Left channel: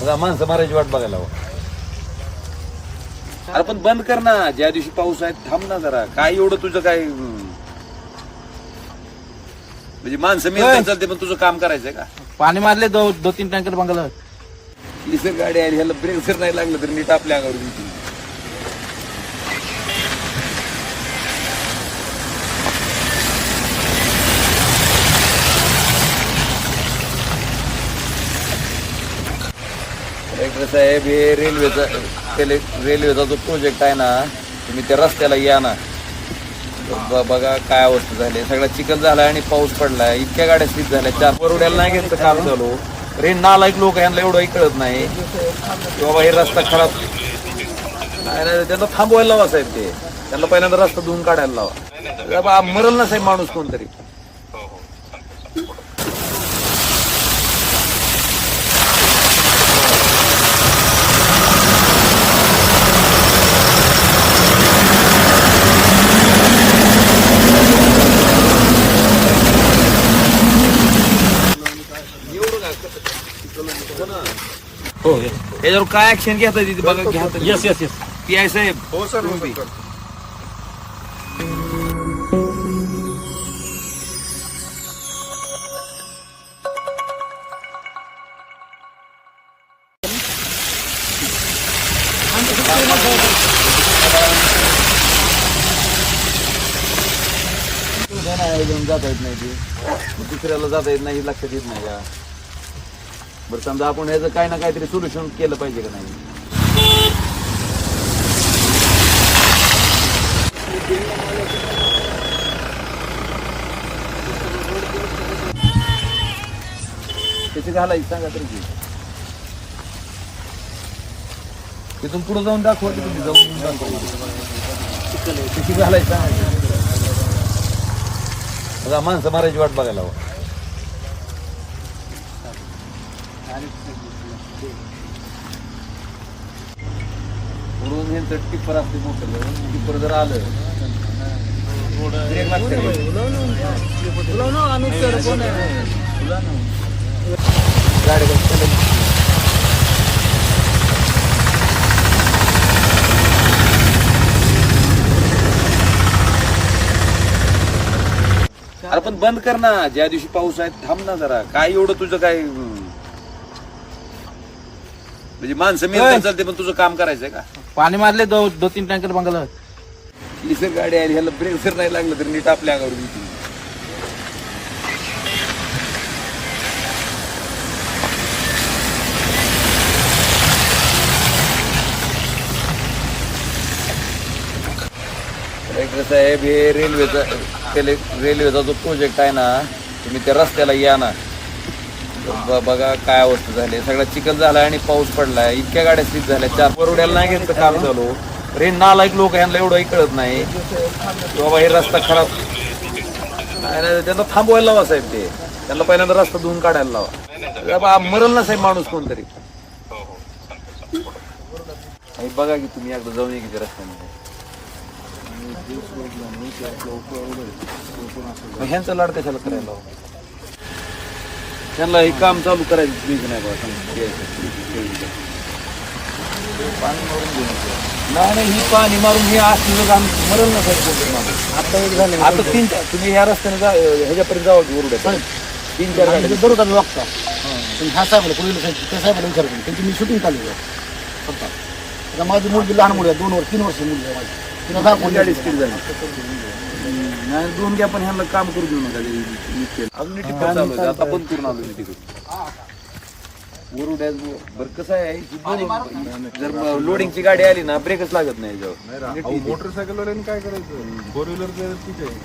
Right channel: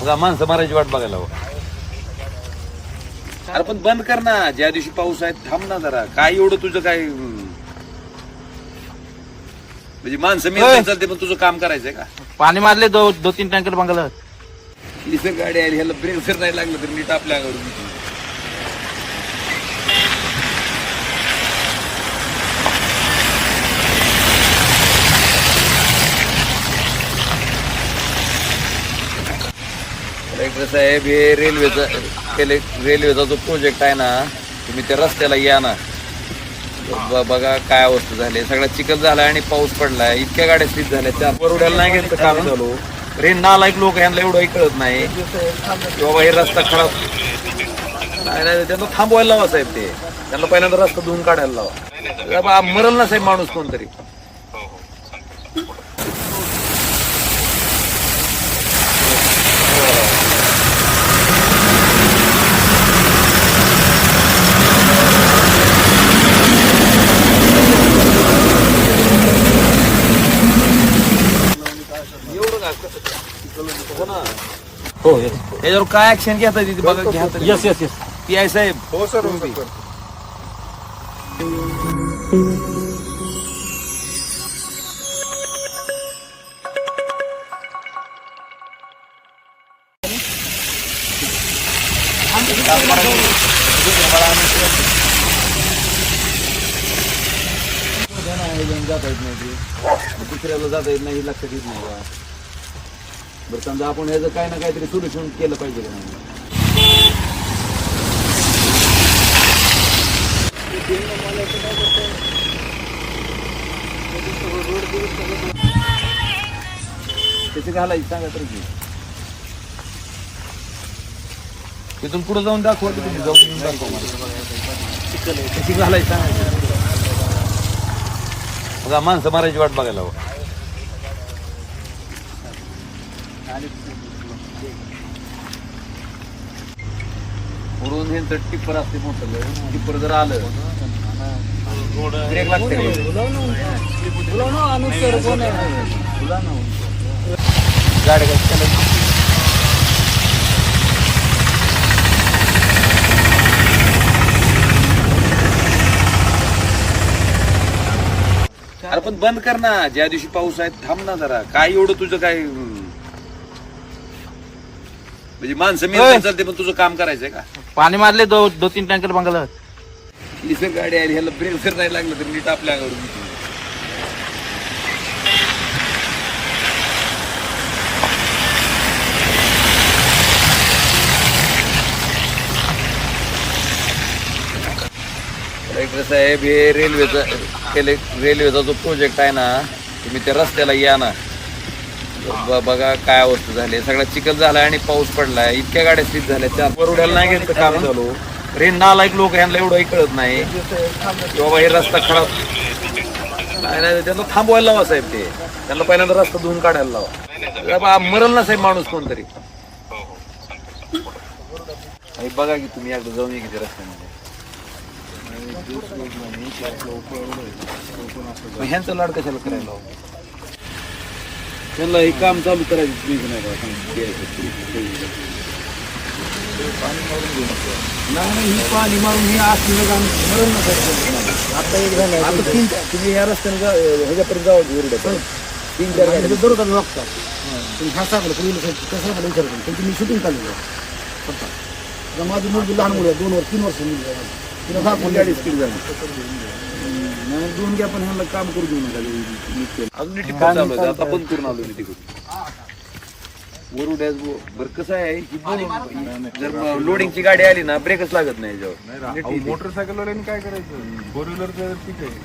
मग माणसं मारायची वाट बघायला हवं अरे पण बंद कर ना ज्या दिवशी पाऊस आहे थांब ना जरा काय एवढं तुझं काय हम्म. म्हणजे माणसं मी. चालते पण तुझं काम करायचंय का पाणी मारले दो दो तीन टँकर बंगला इथं गाडी आली ह्याला ब्रेक जर नाही लागलं तर मी तर आपल्या अंगावर. कलेक्टर साहेब हे रेल्वेचा रेल्वेचा जो प्रोजेक्ट आहे ना तुम्ही त्या रस्त्याला या ना. बघा काय अवस्था झाली. सगळा चिखल झाला आणि पाऊस पडलाय. इतक्या गाड्या स्लिप झाल्या. चार परवड्याला नाही घेतलं काम झालो. रे नालायक लोक यांना एवढंही कळत नाही. की बाबा हे रस्ता खराब. नाही नाही त्यांना थांबवायला लावा साहेब ते. त्यांना पहिल्यांदा रस्ता धुवून काढायला लावा. मरल ना साहेब माणूस कोणतरी. हो त्याच्यावर काय ऍक्शन घेता तिथे बघा घ्या तरी. Yes yes yes P I साहेब तुम्ही बी. जाता येत नाही ते दुसऱ्याला जाता येत नाही हे लक्षात येत नाही का बरं समजा आपण ह्याचं काय ना काहीतरी सोल्युशन केलं पाहिजे का नाही? त्याची घालायची सांगा तरी की. तिथून पुढे जाऊन दाखवा की तुम्ही जाऊन येऊन दाखवा. त्याची घालायची सांगा बघा माणसं मारायची वाट बघायला हवं. पुढून हे टिप्पर असते मोठं टिप्पर जर आलं ब्रेक लागते. गाडी अरे पण बंद कर ना ज्या दिवशी पाऊस आहे थांब ना जरा. काय एवढं तुझं काय म्हणजे माणसं मी. चालते पण तुझं काम करायचंय का पाणी मारले दो दो तीन टँकर बंगला इथं गाडी आली ह्याला ब्रेक जर नाही लागलं तर मी तर आपल्या अंगावर. कलेक्टर साहेब हे रेल्वेचा रेल्वेचा जो प्रोजेक्ट आहे ना तुम्ही त्या रस्त्याला या ना ब- बघा काय अवस्था झाली सगळा चिखल झालाय आणि पाऊस पडलाय. इतक्या गाड्या स्लिप झाल्या. चार परवड्याला नाही घेतलं काम झालो रे नालायक लोक यांना एवढंही कळत नाही. की बाबा हे रस्ता खराब. नाही नाही त्यांना थांबवायला लावा साहेब ते. त्यांना पहिल्यांदा रस्ता धुवून काढायला लावा. बाबा मरल ना साहेब माणूस कोणतरी. हे बघा की तुम्ही एकदा जाऊन ये की त्या रस्त्याने मग ह्यांचं लाड कशाला करायला लावा? त्यांना हे काम चालू करायचं प्लीज नाही बघा सांग-. पाणी मारून घेऊ नका नाही नाही ही पाणी मारून हे असलं काम मरण ना साहेब कोणतं माणूस. आता एक झाले आता तीन तुम्ही ह्या रस्त्याने जा ह्याच्यापर्यंत जावा वरुड्यात तीन चार गाड्या. बरोबर लागतं पण ह्या साहेबाला पुढील साहेब त्या साहेबाला विचारतो. त्यांची मी शूटिंग आहे. फक्त. आता माझी मुलगी लहान मुली आहे दोन वर्ष तीन वर्ष मुलगी आहे माझी. तिला दहा कोण गाडी स्पीड झाली. नाही दोन घ्या पण ह्यांना काम करू देऊ नका ते नीट केलं. अजून टिप्पर चालू आहे आता बंद करून आलो मी तिकडून. वरुड्यात बरं कसं आहे की बोलून जर लोडिंगची गाडी आली ना ब्रेकच लागत नाही याच्यावर. मोटरसायकल काय करायचं? फोर व्हीलर ठीक आहे.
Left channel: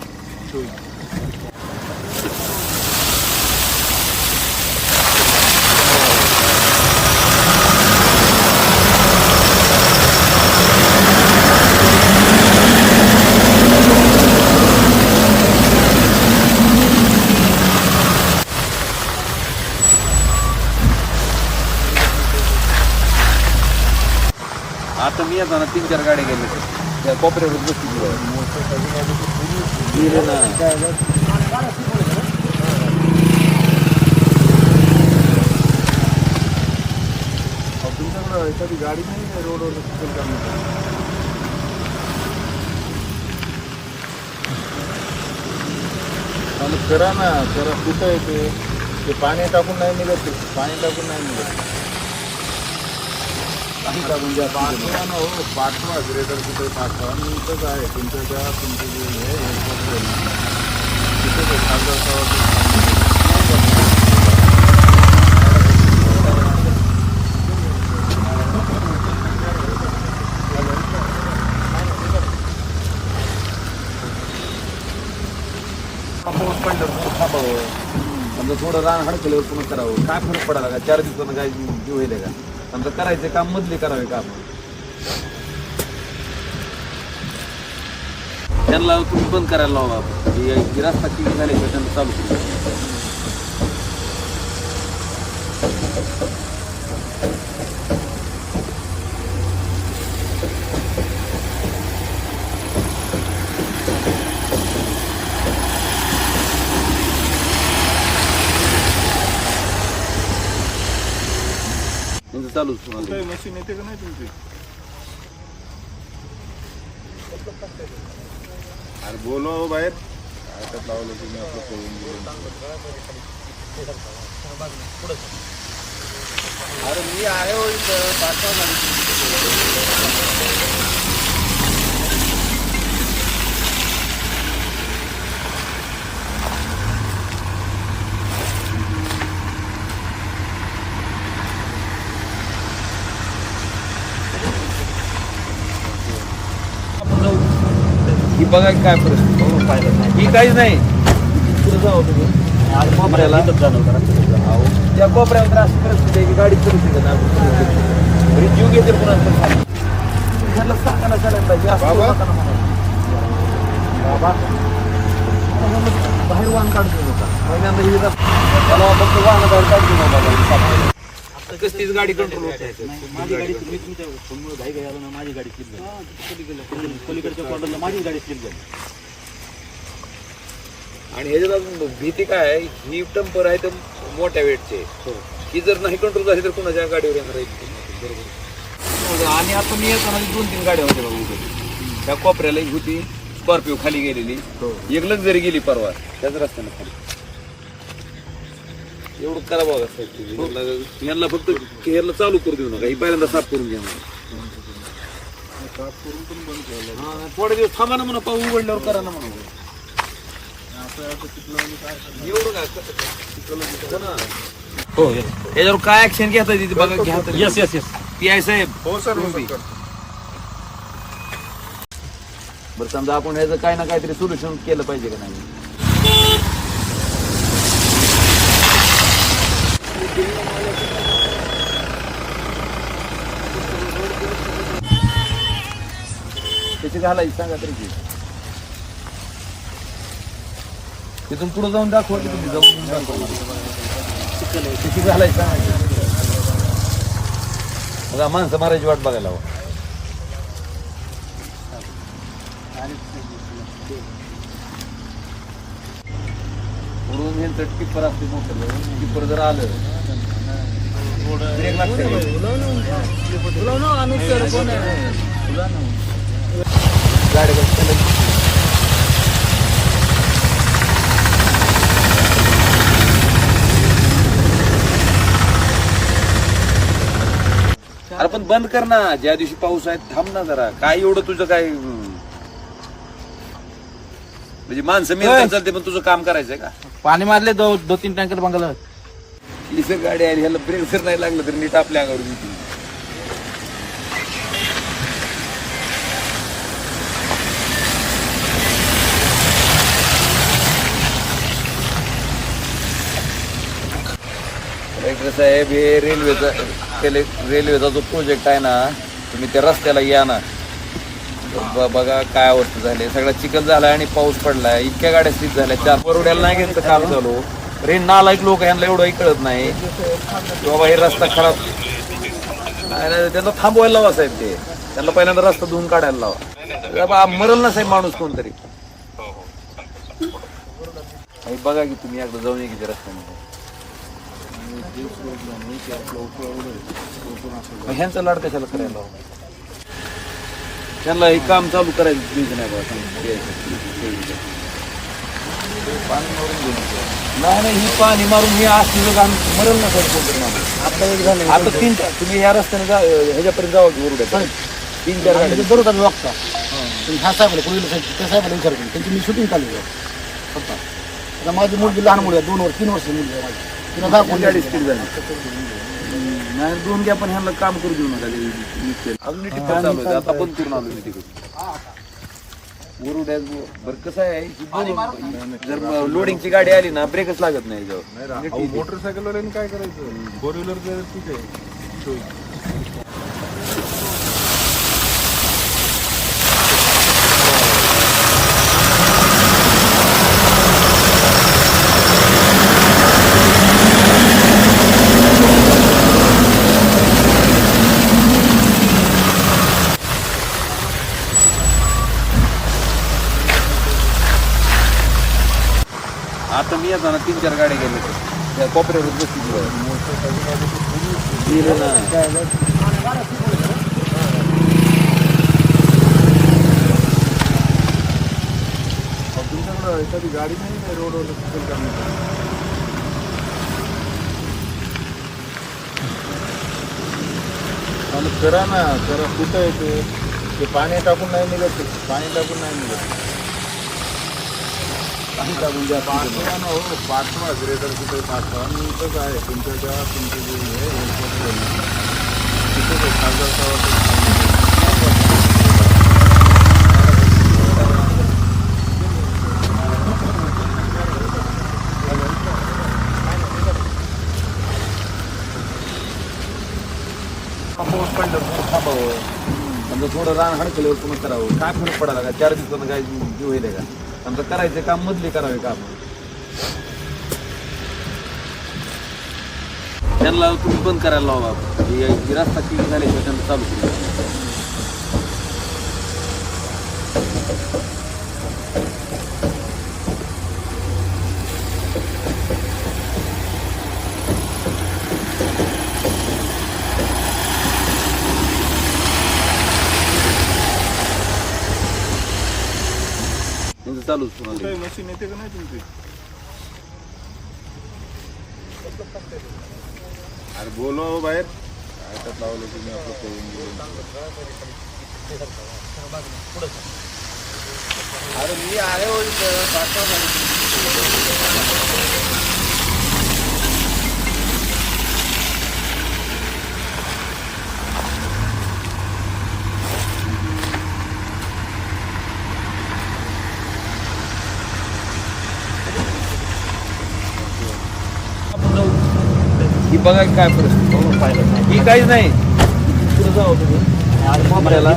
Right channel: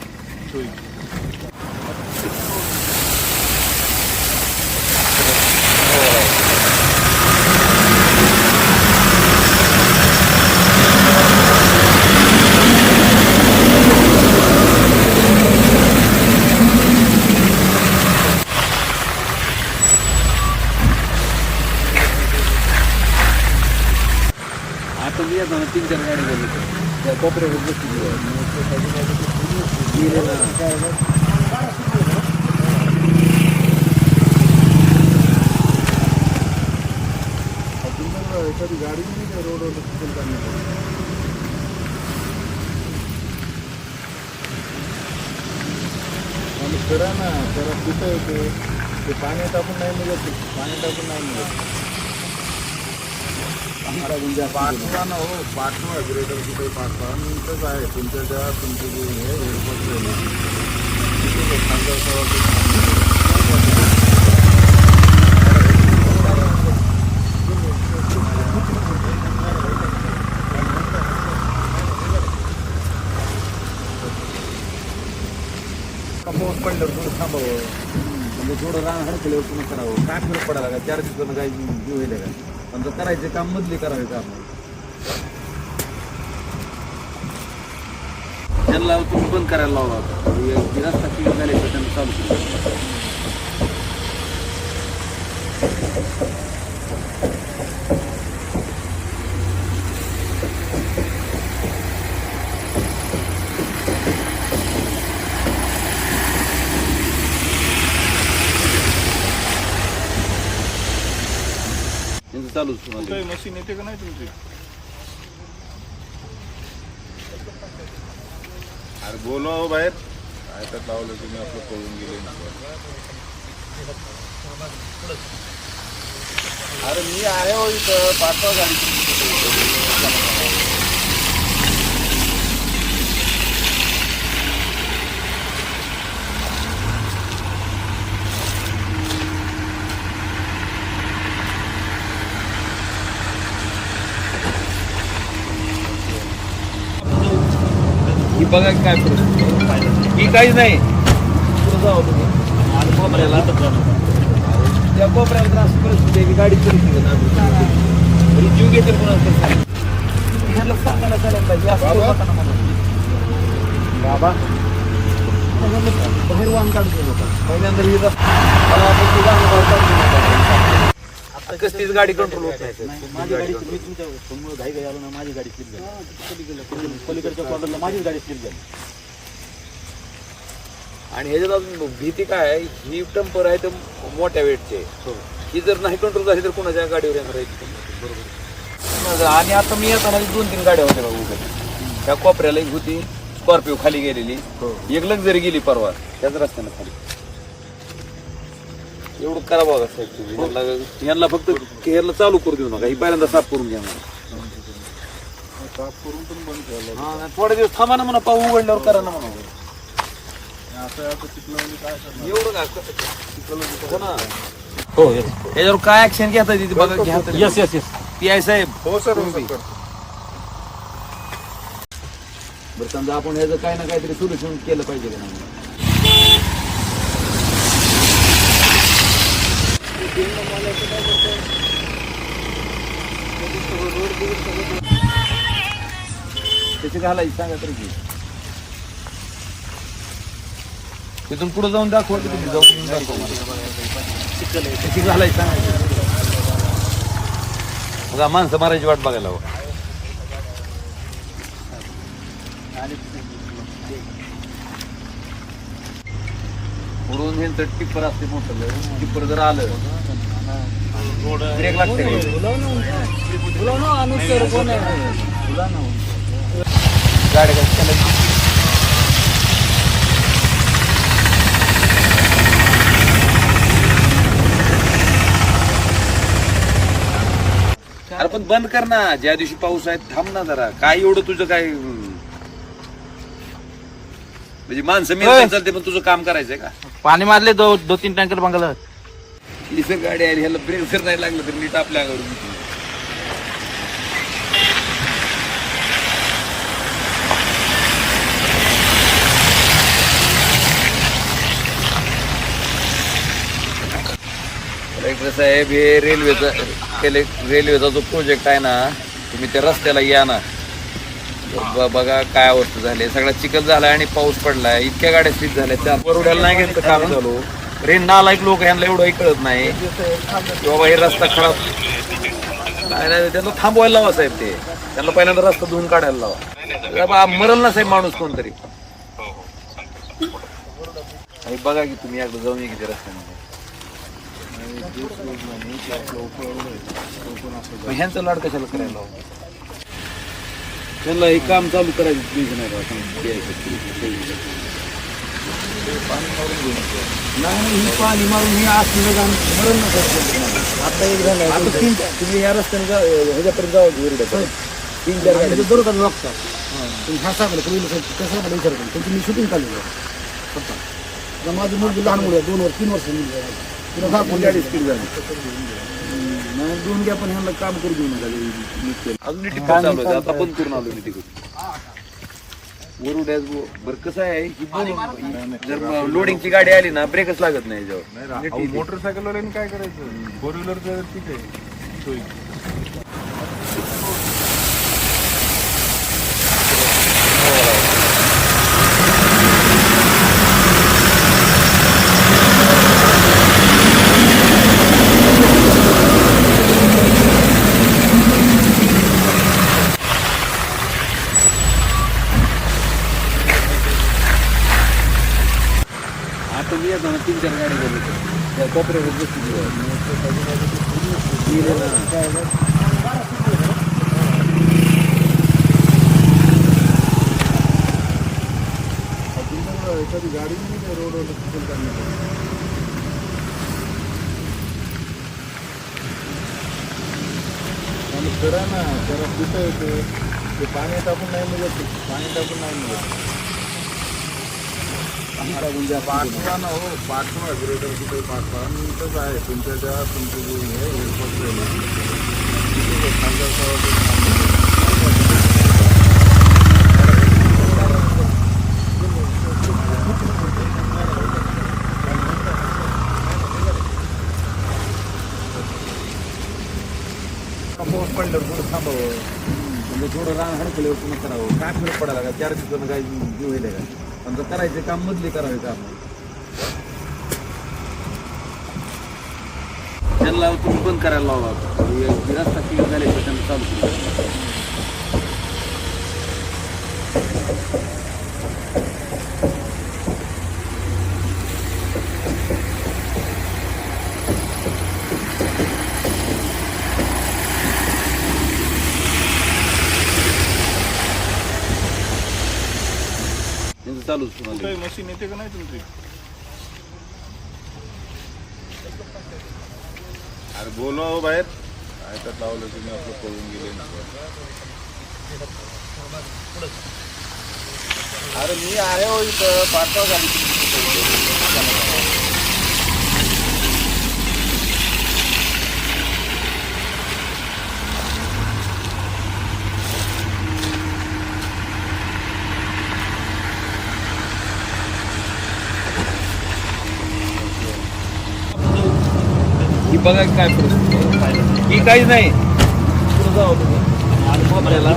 असताना तीन चार गाड्या गेले त्या कोपऱ्यावर बसली गेले ना. तुमच्याकडं एखादी गाडी नाही काय रोडवर चिखल आणि करा ना करा कुठं येते ते? पाणी टाकून नाही निघत पाणी टाकून नाही निघत पाठवा ना हो पाठवा ग्रेटर हे थोडं रान हडकल्यावर पुन्हा करावं काय फरक चार काय जीव का समजा करायचे काम मधले करावे काम त्यांना तुम्ही बंद करायला लावला आपण. ही- ही रस्ता क्लिअर झाल्याशिवाय त्यांना चालू कुठे मशीन येते का नाही तुमची? अरे बोलवा हो बाहेर. काय तर लावलं तुम्ही आपलं पळून गेले अरे मी आहे हो इथं पाठवा गाडी. ही बघा काय परिस्थिती आहे. ही काहीच नाही. पुढे तुम्ही कोपऱ्याला. त्या कोपऱ्याला तर अशी परिस्थिती आहे की गाडी परिस्थिती आहे ना बरी जीव घेतील कोणाचं तरी सांग. ह्याला असं करू नका ना म्हणून. बाहेर वाहन काढतो नका पहिल्यांदा ही रस्ता- मला वाटतं वाहन काढून आता कसलीच गाडी कंट्रोल होत. नाही माझी गाडी मी तुमच्यासमोर घाई घाई आलो ना माझी गाडी स्लिप झाली. पलीकडच्या कॉर्नरला माझी गाडी स्लिप झाली. आणि ह्याच्यात अजून भीती काय आहे? ही टंपर आहे तर मोठ्या वेटचे. ही. जर नाही कंट्रोल झाली तर कोणाच्या गाडीवर येणार आहे? बरोबर. आणि आता मी येताना दोन तीन गाड्या होत्या बघा उभ्या त्या कोपऱ्याला एक होती स्कॉर्पिओ खाली गेलेली. एक लक्झरी गेली परवा. त्याच रस्त्याने खाली. एवढं करा बघा साहेब तुम्ही. यांना- फक्त ह्याला चालू करू देऊ नका. ही पहिल्यांदा साफ करून घ्या. साफ करून पण बंद केलं हा, नाही, थोडे दिवस थांबा ना म्हणा पाऊ उघडल्यावर करा ना म्हणा. काय हो ना हो येस याच्यावर काय ऍक्शन घेता येते ते बघा घ्या. Yes yes yes P I साहेब. हो सर हो तुम्ही. सर बरं समजा आपण ह्याचं काही ना काहीतरी सोल्युशन केलं पाहिजे का नाही? त्याची घालायची सांगा तरी की. तिथून पुढे जाऊन दाखवा की तुम्ही जाऊन येऊन दाखवा त्याची घालायची सांगा बघा माणसं मारायची वाट बघायला हवं. उडून हे तर टिप्पर असते मोठं टिप्पर जर आलं ब्रेक लागते. गाडी अरे पण बंद कर ना. ज्या दिवशी पाऊस आहे थांब ना जरा. काय एवढं तुझं काय म्हणजे माणसं मी चालते पण तुझं काम करायचंय का? पाणी मारले दो दो तीन टँकर ही जर गाडी आली ह्याला ब्रेक जर नाही लागलं तर नीट आपल्या अंगावर. कलेक्टर साहेब हे रेल्वेचा रेल्वेचा जो प्रोजेक्ट आहे ना तुम्ही त्या रस्त्याला या ना. ब- बघा काय अवस्था झाली. सगळा चिखल झालाय आणि पाऊस पडलाय. इतक्या गाड्या स्थित झाल्या. चार परवड्याला नाही घेतलं काम चालू. रे नालायक लोक ह्यांना एवढंही कळत नाही. की बाबा हे रस्ता खराब. नाही नाही त्यांना थांबवायला लावा साहेब ते. त्यांना पहिल्यांदा रस्ता धुवून काढायला लावा. बाबा मरल ना साहेब माणूस कोणतरी. हे बघा की तुम्ही एकदा जाऊन ये की त्या रस्त्याने आणि जे रोड नाही ते आपलं उपळवलं आहे तो पण असं मग ह्यांचं लाड कशाला करायला लावू? त्यांना हे काम चालू करायचं प्लीज नाही द्यायचं. पाणी मारून घेऊन. नाही नाही ही पाणी मारून हे असलं आणि मरण नसायचं आता एक झालं आता तीन तुम्ही ह्या रस्त्याने जा ह्याच्यापर्यंत जावा की वरुडात. तीन चार गाड्या. आम्ही वागता. पण ह्या साहेबाला पूर्वीला साहेब त्या साहेबाला विचार करून. त्यांची मी शूटिंग काढली फक्त माझी मुलगी लहान मुली आहे दोन वर्ष तीन वर्ष मुलगी आहे माझी. तिला झाली नाही दोन घ्या पण ह्यांना काम करू देऊ नका ते. अजून टिप्पा चालू आहे आता बंद करून आलो मी तिकडे वरुड्यात बरं कसं आहे ही बोलून जर लोडिंगची गाडी आली ना ब्रेकच लागत नाही याच्यावर. अहो, मोटरसायकलवाल्यांनी काय करायचं? फोर व्हीलर ठीक आहे सोयी येताना तीन चार गाड्या गेले त्या कोपऱ्यावर बसतील गेले ना. तुमच्याकडं एखादी गाडी नाही काय रोडवर चिखल करण्यासाठी? आणि करा ना करा. कुठं येते ते पाणी टाकून नाही निघत. पाणी टाकून नाही निघत. पाठवा ना हो पाठवा. ग्रेटर कुठे पाठवा? मी इथंच आहे. तुमच्या त्या तुमचे जे हे हेलिकॉप्टर आहे ना तिथेच आहे. खासदार साहेबाचं समजा थोडं रान हडकल्यावर पुन्हा करावं. काय फरक पडायला का चार दिवसानं काय जीव होईल का? त्यांचं करायचं काम मधले करावे काम. त्यांना तुम्ही बंद करायला लावा. रस्ता क्लिअर झाल्याशिवाय त्यांना चालू केलं त्यांचं चालूच पुन्हा कुठे मशीन येते का नाही तुमची? अरे बोलवा हो बाहेर. काय तर लावलं तुम्ही आपलं पळून गेले ना. अरे मी आहे हो इथं बघा काय परिस्थिती आहे. ही काहीच नाही. जाऊ तुम्ही आणि कोपऱ्याला.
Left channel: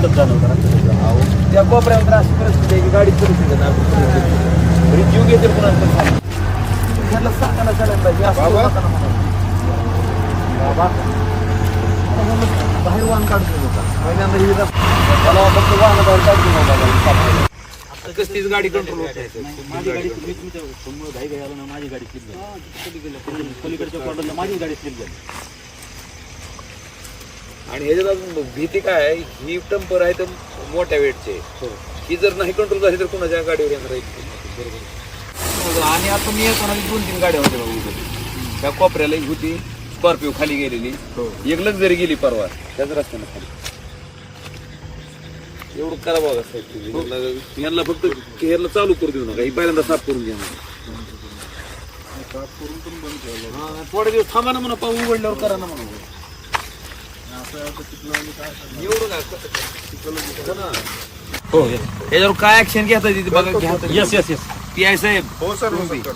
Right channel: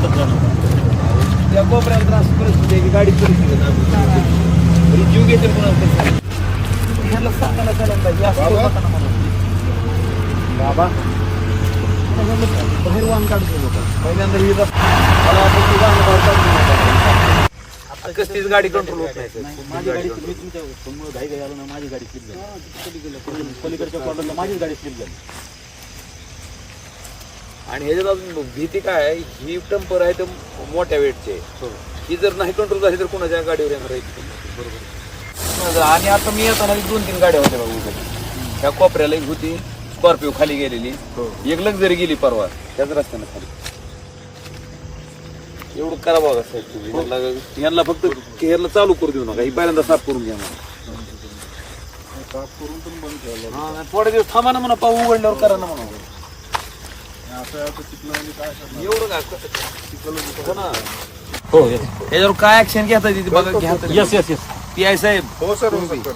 त्या कोपऱ्याला तर अशी परिस्थिती आहे की गाडी परिस्थिती आहे ना घरी जीव घेतील कोणाला तरी. ह्यांना सांगायला चालेल हे असं करू नका ना म्हणून. बाहेर वाहन काढतो नका पहिल्यांदा ही मला वाटतं वाहनं बाहेर आता कसलीच गाडी कंट्रोल होत नाही. माझी गाडी मी तुमच्यासमोर घाई घाई आलो ना माझी गाडी स्लिप झाली. पलीकडच्या माझी गाडी स्लिप झाली. आणि ह्याच्यात अजून भीती काय आहे? ही टंपर आहे तर मोठ्या वेटचे. ही. जर नाही कंट्रोल झाली तर कोणाच्या गाडीवर येणार आहे? बरोबर. आणि आता मी येताना दोन तीन गाड्या होत्या बघा उभ्या त्या कोपऱ्याला एक होती स्कॉर्पिओ खाली गेलेली. एक लक्झरी गेली परवा. त्याच रस्त्यानं खाली. एवढं करा बघा साहेब तुम्ही. यांना- यांना फक्त हेरला चालू करू देऊ नका. ही पहिल्यांदा साफ करून घ्या म्हणा साफ करून पण बंद ठेवलं हा, थोडे दिवस थांबा ना म्हणा पाऊ उघडल्यावर करा ना म्हणा. असं असं तिथलं आणि काय एवढं काय हो. ना त्याच्यावर काय ऍक्शन घेता येते ते बघा घ्या. Yes yes yes P I साहेब हो सर हो सर